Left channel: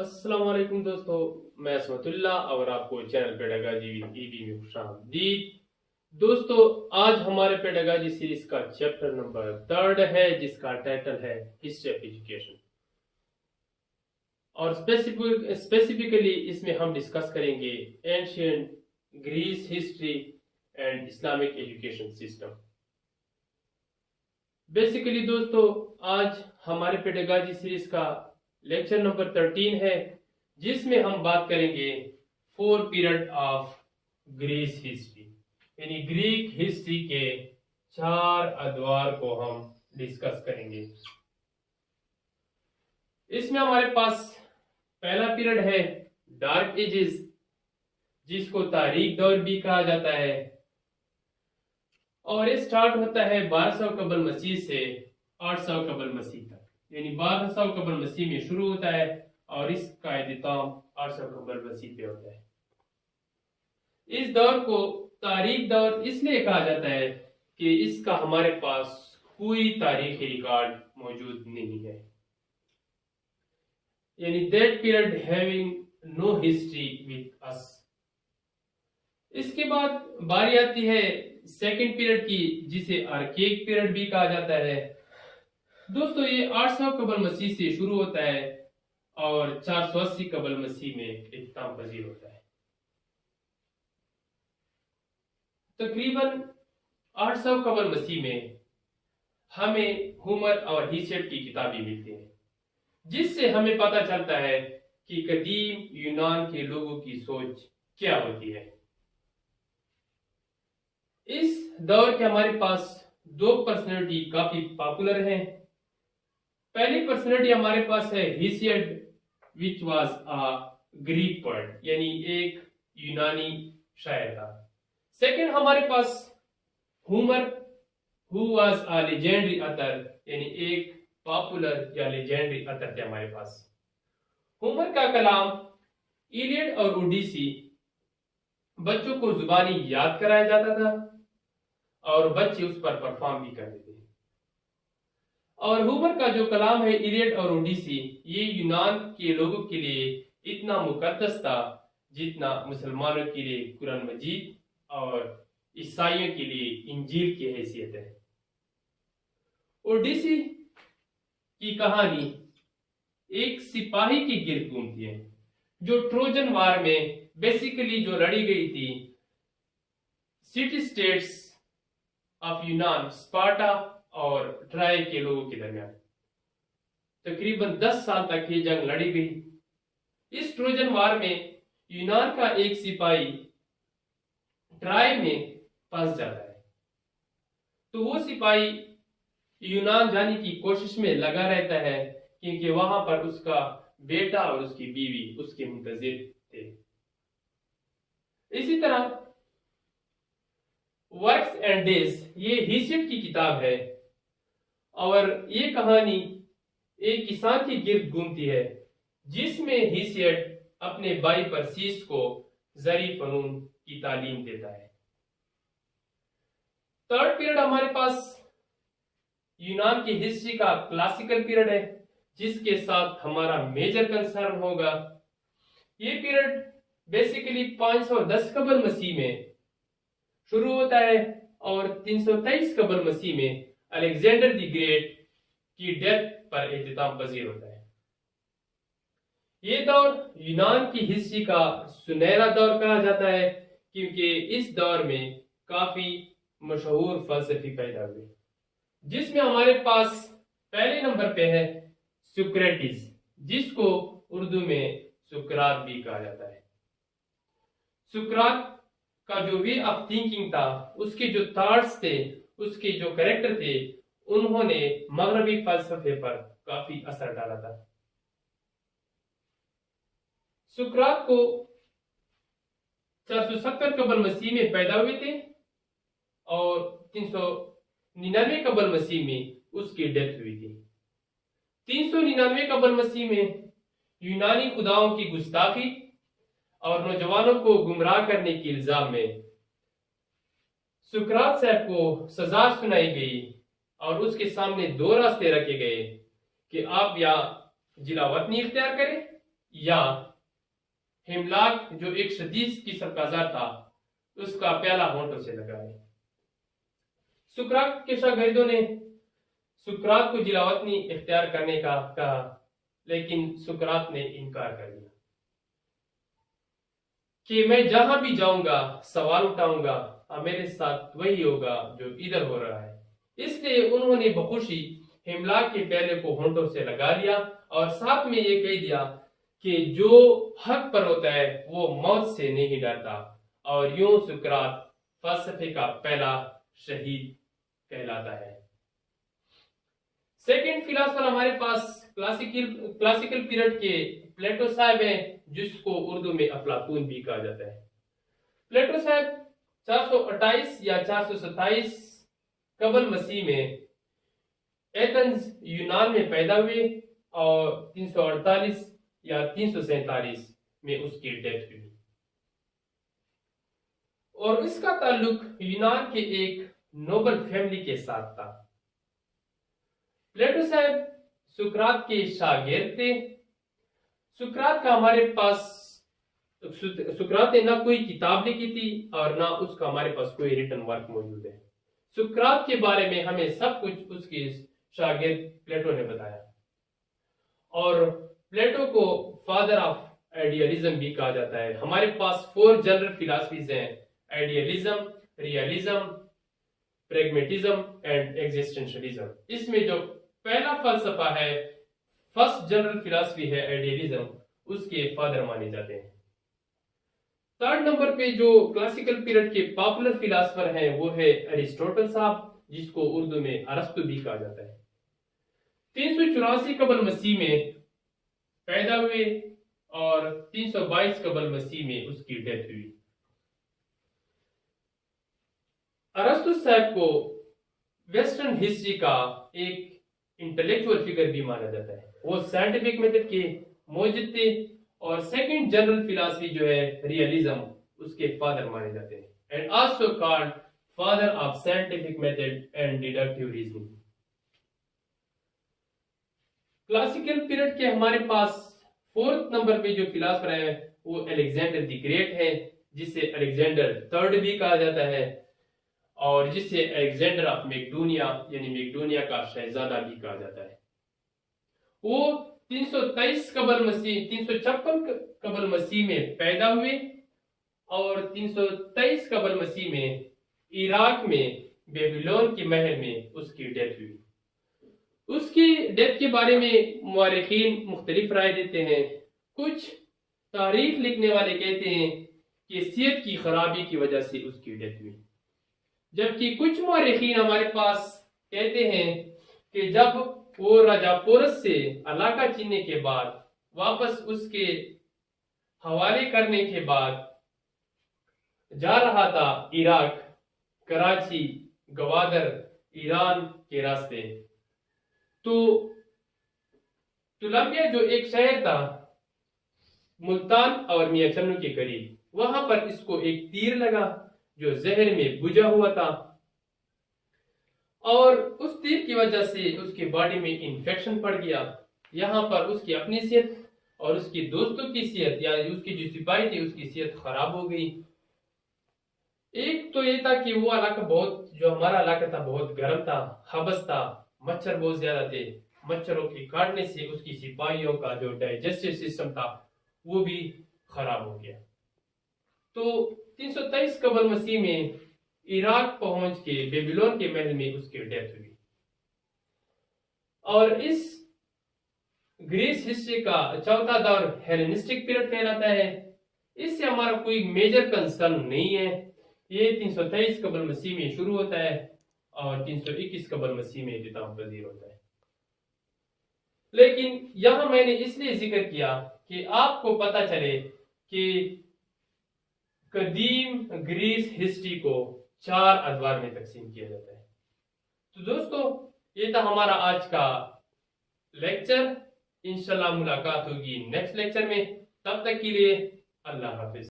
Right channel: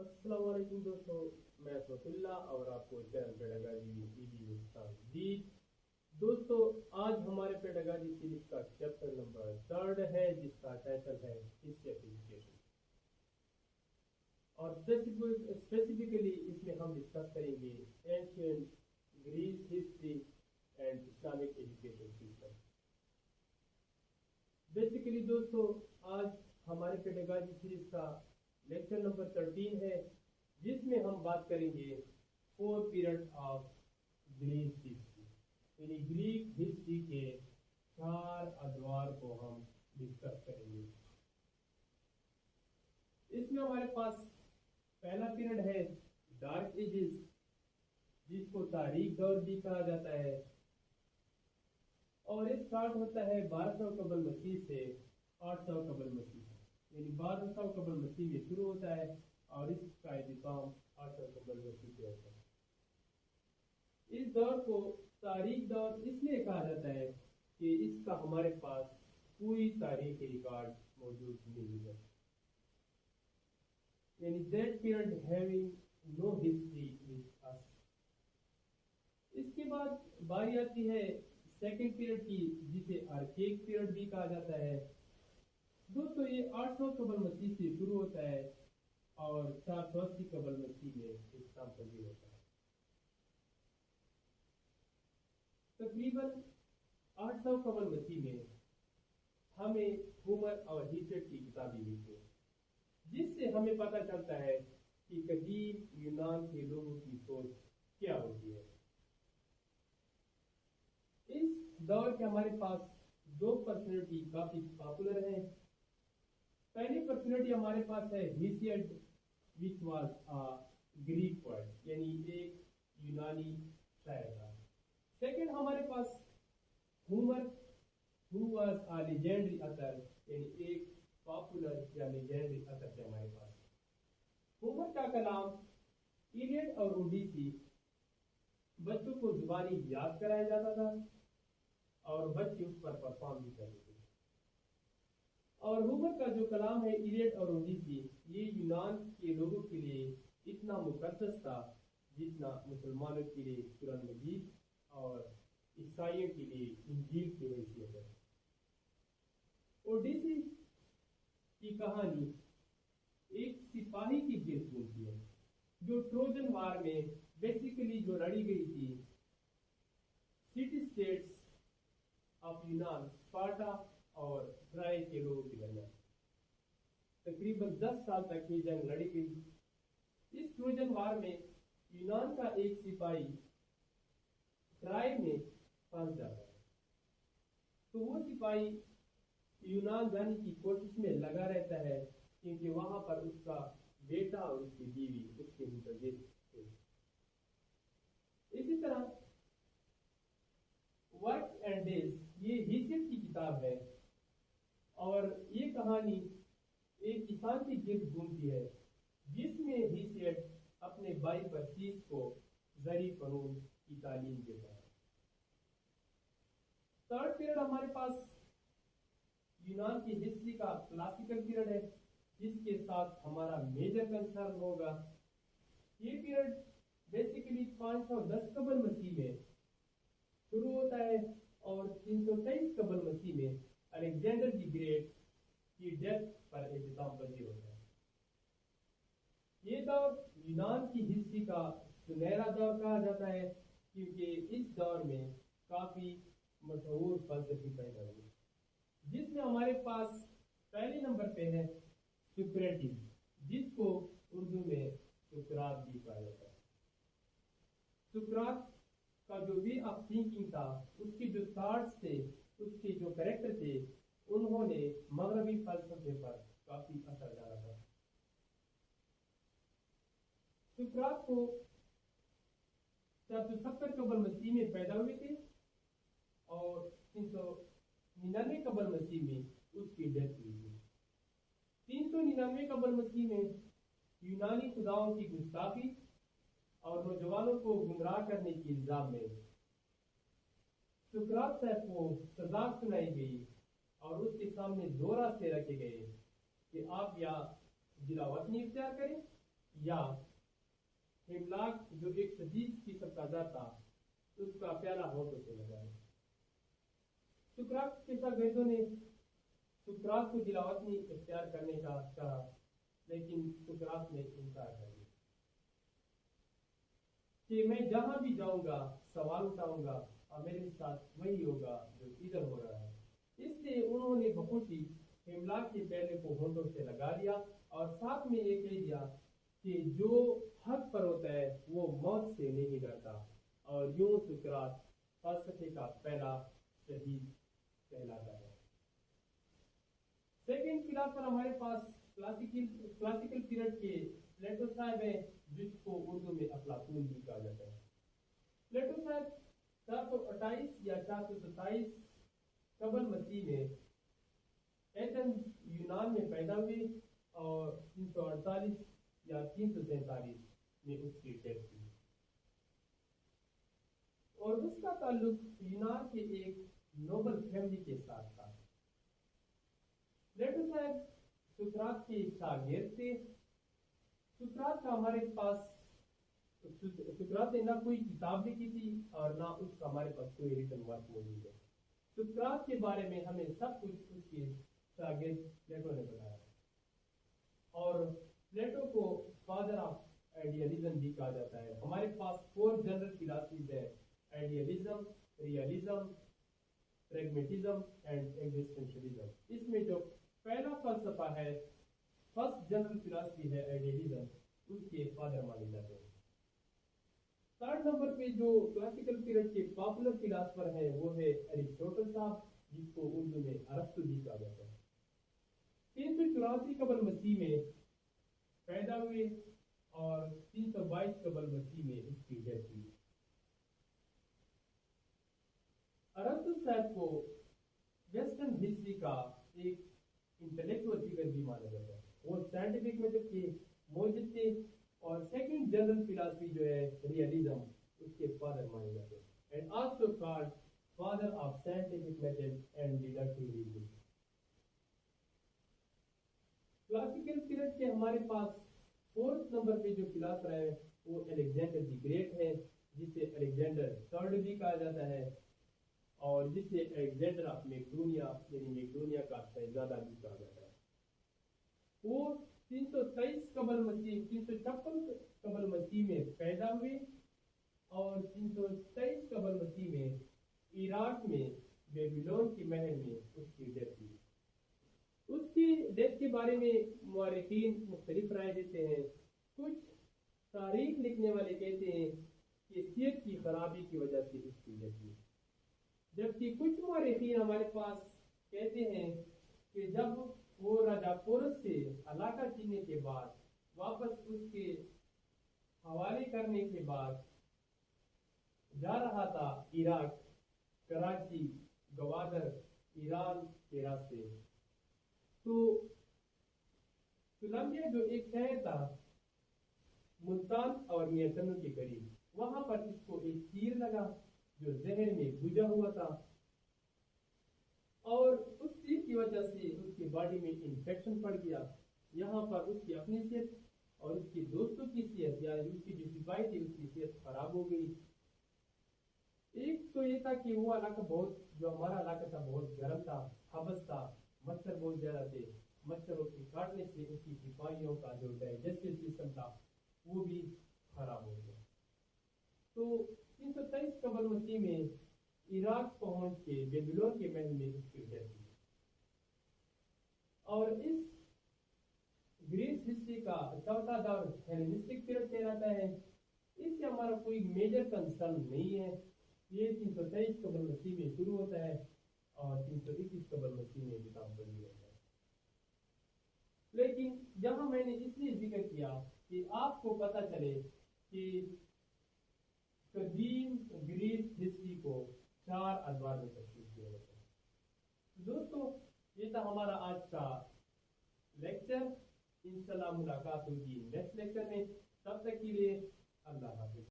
अस्सलाम वालेकुम दोस्तों, मैं असमतुल्ला और आपको चैनल पेडागाजी विद ईबी में खुशामदीद। दोस्तों, आज हमारे पेडागाजी सीरीज का चैप्टर नंबर 3 है जिसका टाइटल है हिस्ट्री ऑफ एजुकेशन। और स्पेसिफिकली इसमें हम डिस्कस करेंगे ancient Greece history and Islamic education system. Basically दोस्तों, आज हमारे पेडागाजी सीरीज का लेक्चर नंबर 13 है जिसमें हम बात करेंगे 4 पीरियड ऑफ ग्रीस हिस्ट्री, यानी ग्रीक हिस्ट्री के 4 अद्वार को हम डिस्कस करेंगे। इसमें हमारे पास पहला पीरियड है डार्क एजेस, जिसको तारीख दौर भी कहा जाता है, और ये स्टार्ट होता है 1200 कबल मसीह से 800 कबल मसीह तक, यानी 1200 कबल मसीह में शुरू होता है और इसका इख्तिताम 800 कबल मसीह पे होता है। इस दौर को तारीख दौर इसलिए कहा जाता है कि इसका हमारे पास कोई तारीखी रिकॉर्ड मौजूद नहीं है, यानी that period having no history with us. इसके बाद बारी आती है सेकंड पीरियड की, जिसे आर्केक पीरियड भी कहा जाता है। दोस्तों, ये 800 कबल मसीह से शुरू होता है और 480 कबल मसीह में इख्तिताम पजीर होता है। तकरीबन 800 कबल मसीह में हमें हुमर और हीसियत की किताबें मिलती हैं, जिससे हमें पता चलता है कि कदीम यूनान के लोगों की सोच क्या होती है। इस दौर के हमारे पास 2 पर्सनैलिटी काफी पॉपुलर हैं। पहली पर्सनैलिटी हमारे पास है Hesiod, which was a Greek poet, यानी एक यूनानी शायर था। सेकंड हमारे पास Homer, who was a legendary author, यानी एक पॉपुलर या लेजेंडरी अथर थे हमारे पास। हुमर का कलाम इलियड और ओडिसी बच्चों को जुबानी याद कराया जाता था और बच्चे उस पर परफॉर्म भी करते थे। और हुमर का जो कलाम है इलियड और ओडिसी, ये यूनान के लोगों के लिए इतना मुकद्दस था जितना मुसलमानों के लिए कुरान मजीद और ईसाइयों के लिए इंजील की हैसियत है। ओडिसी की कहानी एक सिपाही की गिर्द घूमती है जो ट्रोजन वार में बेसिकली जो लड़ी गई थी सिटी स्टेट्स ऑफ यूनान, स्पार्टा और ट्राय के लोगों के दरमियान। तकरीबन 10 साल तक ये जंग लड़ी गई। इस ट्रोजन वार में यूनान का एक सिपाही ट्राय में फंस जाता है, तो वो सिपाही यूनान जाने की कोशिश में लगा रहता है क्योंकि वहां पर उसका बेटा और उसकी बीवी उसके मुंतजिर थे। इसी तरह वर्क्स एंड डेज, ये हीसियड की किताब है और ये कहानी एक किसान की गिर्द घूमती है जिसमें हीसियड अपने भाई परसीस को जरी फनून की तालीम देता है। थर्ड पीरियड हमारे पास यूनान की हिस्ट्री का क्लासिकल पीरियड है, जिसके साथ हमारा मेजर कंसर्न होगा। ये पीरियड बेसिकली 510 कबल मसीह में शुरू होता है और 323 कबल मसीह में अलेक्जेंडर द ग्रेट की डेथ पर इख्तिताम पजीर होता है। ये दौर यूनान की हिस्ट्री का सुनहरा दौर कहा जाता है क्योंकि इस दौर में काफी मशहूर फलसफी पैदा हुए, जिसमें हमारे पास पहले नंबर पे है सुक्रेटिस, जिसको उर्दू में सुकरात भी कहा जाता है। सुकरात का जो वे ऑफ थिंकिंग था, उसके जो थॉट्स थे, उसके जो कैरेक्टर थे, उन्होंने मगरबी फलसफे पर काफी असर डाला था। सुकरात को 470 कबल मसीह में पैदा हुए थे और 399 कबल मसीह में उसकी डेथ हुई थी। 399 कबल मसीह में यूनानी खुदाओं की गुस्ताखी और नौजवानों को गुमराह करने के इल्जाम में सुकरात साहब को सजा सुनाई गई और उसके सामने 2 रास्ते रखे गए कि आप या जिला वतनी इख्तियार करें या हिमलाक जो एक शदीद किस्म का जार था उसका प्याला होंठों से लगाए। सुकरात के शागिर्दों ने सुकरात को जिलावतनी इख्तियार करने का कहा, लेकिन सुकरात ने इनकार कर दिया कि मैं जहां भी जाऊंगा सवाल उठाऊंगा और मेरे साथ वही होगा जो इधर हो रहा है। इसलिए उन्होंने बखुशी हिमलाक के प्याले को होंठों से लगा लिया और साथ में ये कह दिया कि जो हक पर होता है वो मौत से नहीं डरता, और यूं सुकरात फलसफे का पहला शहीद कहलाता है। सेकंड फिलोसोफर हमारे पास क्लासिकल पीरियड के प्लेटो साहब हैं, जिसको उर्दू में अफलातून भी कहा जाता है। प्लेटो साहब 428 या 427 कबल मसीह में एथेंस यूनान में पैदा हुए और 348 या 347 में उसकी डेथ हुई, और इसका ताल्लुक यूनान के एक नोबल फैमिली के साथ था। प्लेटो साहब सुकरात के शागिर्द थे। सुकरात का हमारे पास सुकरात ने ना कोई किताब लिखी थी और ना उसका हमारे पास कोई रिटन वर्क मौजूद है। सुकरात के बारे में हमें सब कुछ उसके शागिर्द प्लेटो ने बताया, और प्लेटो को फादर ऑफ आइडियलिज्म भी कहा जाता है। हमारे पास 4 जनरल फिलॉसफीज हैं: idealism, realism, pragmatism and existentialism. इसमें जो पहला फलसफा है, फर्स्ट जनरल फिलॉसफी है आइडियलिज्म, उसके फादर माने जाते हैं। थर्ड नंबर पे जो क्लासिकल पीरियड के पॉपुलर फिलॉसफर हैं वो है अरिस्टोटल साहब, जिसको उर्दू में अरस्तु भी कहा जाता है। 384 कबल मसीह में पैदा हुए और 322 कबल मसीह में उसकी डेथ हुई। अरस्तु साहब को वेस्टर्न हिस्ट्री का एक इंटेलेक्चुअल फिगर भी माना जाता है। वो साइंटिफिक मेथड के मौजूद थे, और सेकंड जनरल फिलॉसफी जो है रियलिज्म, उसके फादर माने जाते हैं, and also called father of scientific method and deductive reasoning. Classical period के हमारे पास 4th नंबर पे जो फिलॉसफर है वो अलेक्जेंडर द ग्रेट है, जिसे अलेक्जेंडर थर्ड भी कहा जाता है, और जिसे अलेक्जेंडर ऑफ मैकेडोनिया यानी मैकेडोनिया का शहजादा भी कहा जाता है। वो 323 कबल मसीह 356 कबल मसीह में पैदा हुए और 323 कबल मसीह में इराक में बेबीलोन के महल में उसकी डेथ हुई। उसकी डेथ के बारे में मुअर्रिखीन मुख्तलिफ राय देते हैं। कुछ तारीख लिखने वाले कहते हैं कि सेहत की खराबी की वजह से उसकी डेथ हुई, जबकि कुछ मुअर्रिखीन हमारे पास कहते हैं कि जब वो राजा पोरस से इलाका छीनने के बाद वापस उसके हवाले करने के बाद जा रहा था इराक, कराची, गवादर, ईरान के रास्ते, तो तुलंबिया जो एक शहर था मुल्तान और मियां चन्नू के करीब, वहां पर इसको एक तीर लगा जो जहर में बुझा हुआ था, और उस तीर की वजह से उसकी बॉडी में इंफेक्शन पड़ गया। यहाँ पर उसकी अपनी सेहत और उसकी दोस्तों की सेहत, यानी उसकी जो सिपाही थी उसकी सेहत खराब हो गई। एक तो ये था कि वो इलाका जो हमारा इलाका था बहुत गर्म था, हबस था, मच्छर बहुत ज्यादा थे। मच्छरों के काटने से उसकी सिपाहियों का जो डाइजेस्टिव सिस्टम था वो भी खराब हो गया। तो 323 कबल मसीह में इराक पहुंच के बेबीलोन के महल में उसकी डेथ हुई। और इस ग्रीस हिस्ट्री का चौथा दौर हेलेनिस्टिक पीरियड कहलाता है। इससे हमारा कोई मेजर कंसर्न नहीं है। ये 323 कबल मसीह में शुरू होता है और 321 कबल मसीह में इख्तिताम पजीर होता है। लेकिन यहां मैंने इसलिए जिक्र किया कि आपको पता चले कि कदीम ग्रीस हिस्ट्री को 4 अदवार में तकसीम किया जाता है। तो दोस्तों, ये था हमारा आज का लेक्चर। इंशाल्लाह मुलाकात होगी नेक्स्ट लेक्चर में। तब तक के लिए अल्लाह हाफिज।